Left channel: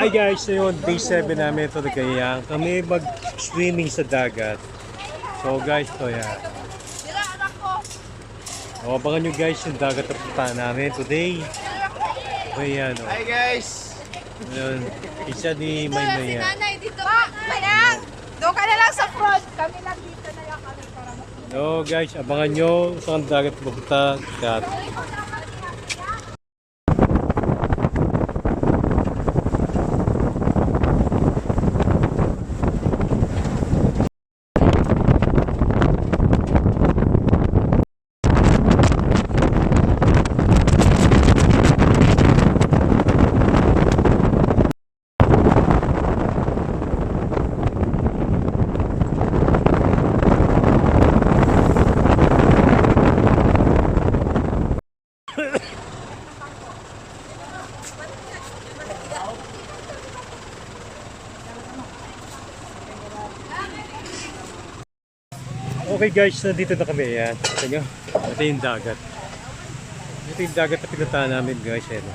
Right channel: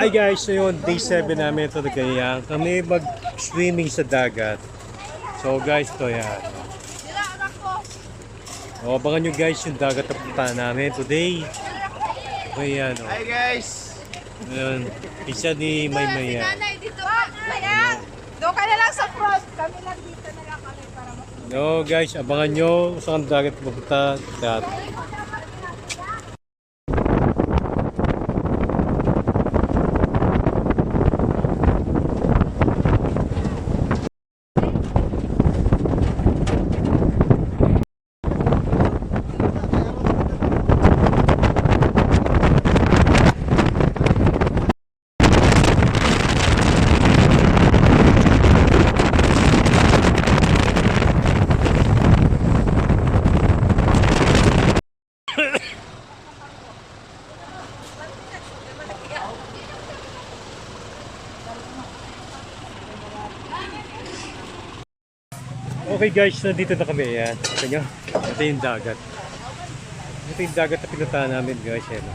Hi guys, so yun, day 7 namin ito na ganyan. Kami mag-swimming sa dagat. So guys, ito yan. O, abangan nyo guys yung dagat na puntahan namin today. Okay yan o. Hi guys! Yun, isa ni Maymay yan. Doon ka na lang sa front. Kami lang dito na lang kami para makita. No guys, abangan nyo saan dagat pupunta. Dagat. Okay guys, nandito na kami. Ayan. Kita nyo? Ito yung dagat. Ito yung dagat na pinuntahan namin guys. Ayan.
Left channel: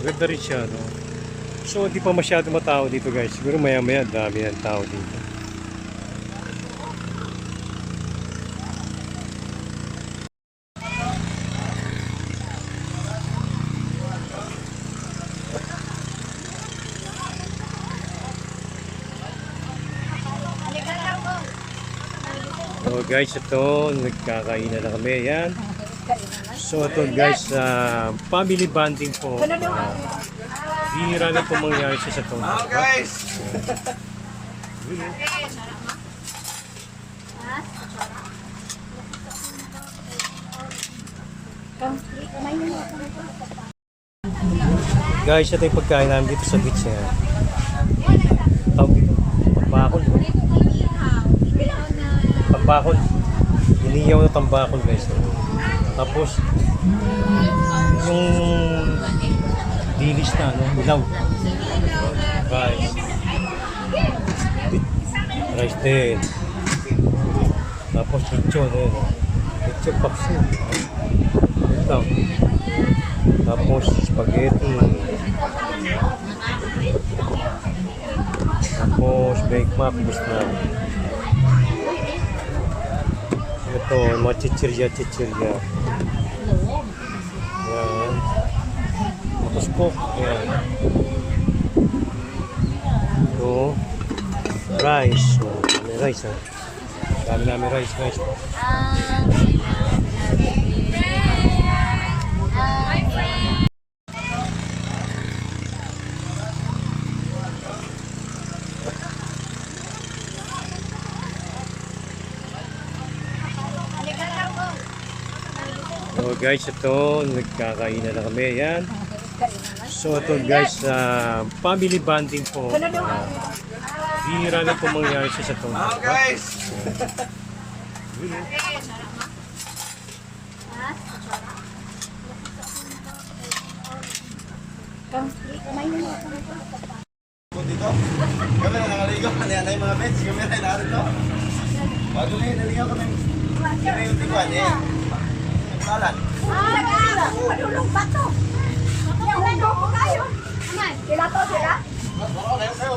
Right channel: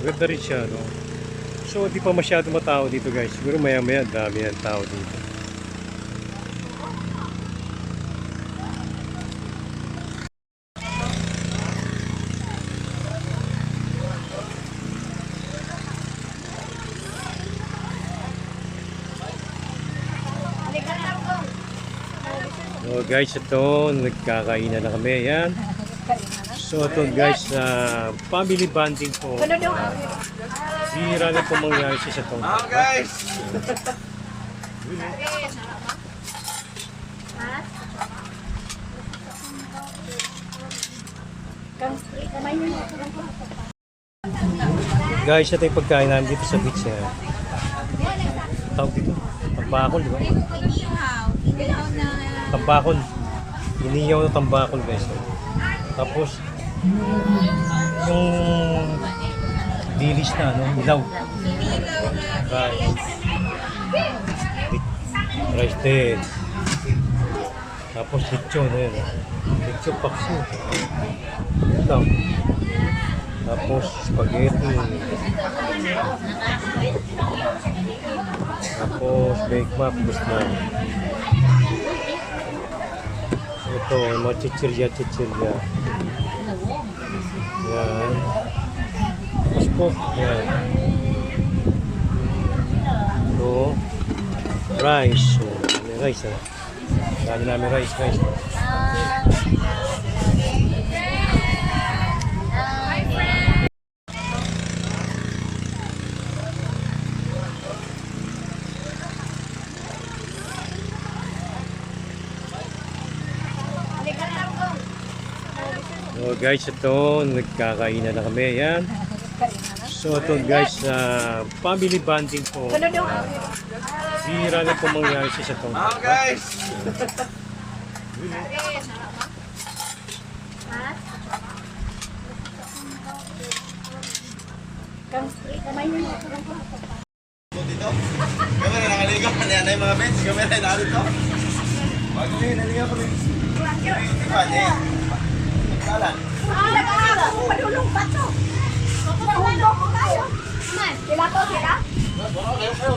Maganda rin siya, no? So, hindi pa masyado matao dito guys. Siguro maya-maya dami ng tao dito. So guys, ito, nagkakainan na kami. Ayan. So ito guys, family bonding po. Bihira na po mangyari sa itong. Oh guys! Guys, ito yung pagkain namin dito sa beach. Tawag dito, tambakol, di ba? Tambakol. Iniyaw na tambakol guys. Tapos, yung dilis na, no? Ilaw. Rice. Rice din. Tapos lechon, eh. Lechon pakso. Ilaw. Tapos spaghetti. Tapos bake mac, gusto na. Ito, mga chichirya. Yan. Tapos cook. Yan. Ito. Rice. So, may rice ha. Dami namin rice. So guys, ito, nagkakainan na kami. Ayan. So ito guys, family bonding po. Bihira na po mangyari sa itong. Oh guys! Kami na nakaligaw. Nanay mga beds. Kami na narito. Bago ngayon, naligaw kami. Kami yung tiba niya. Nagpalan. Padulong pa to. Nahulog ko kayo. Sila to sila? Wala, layo kayo.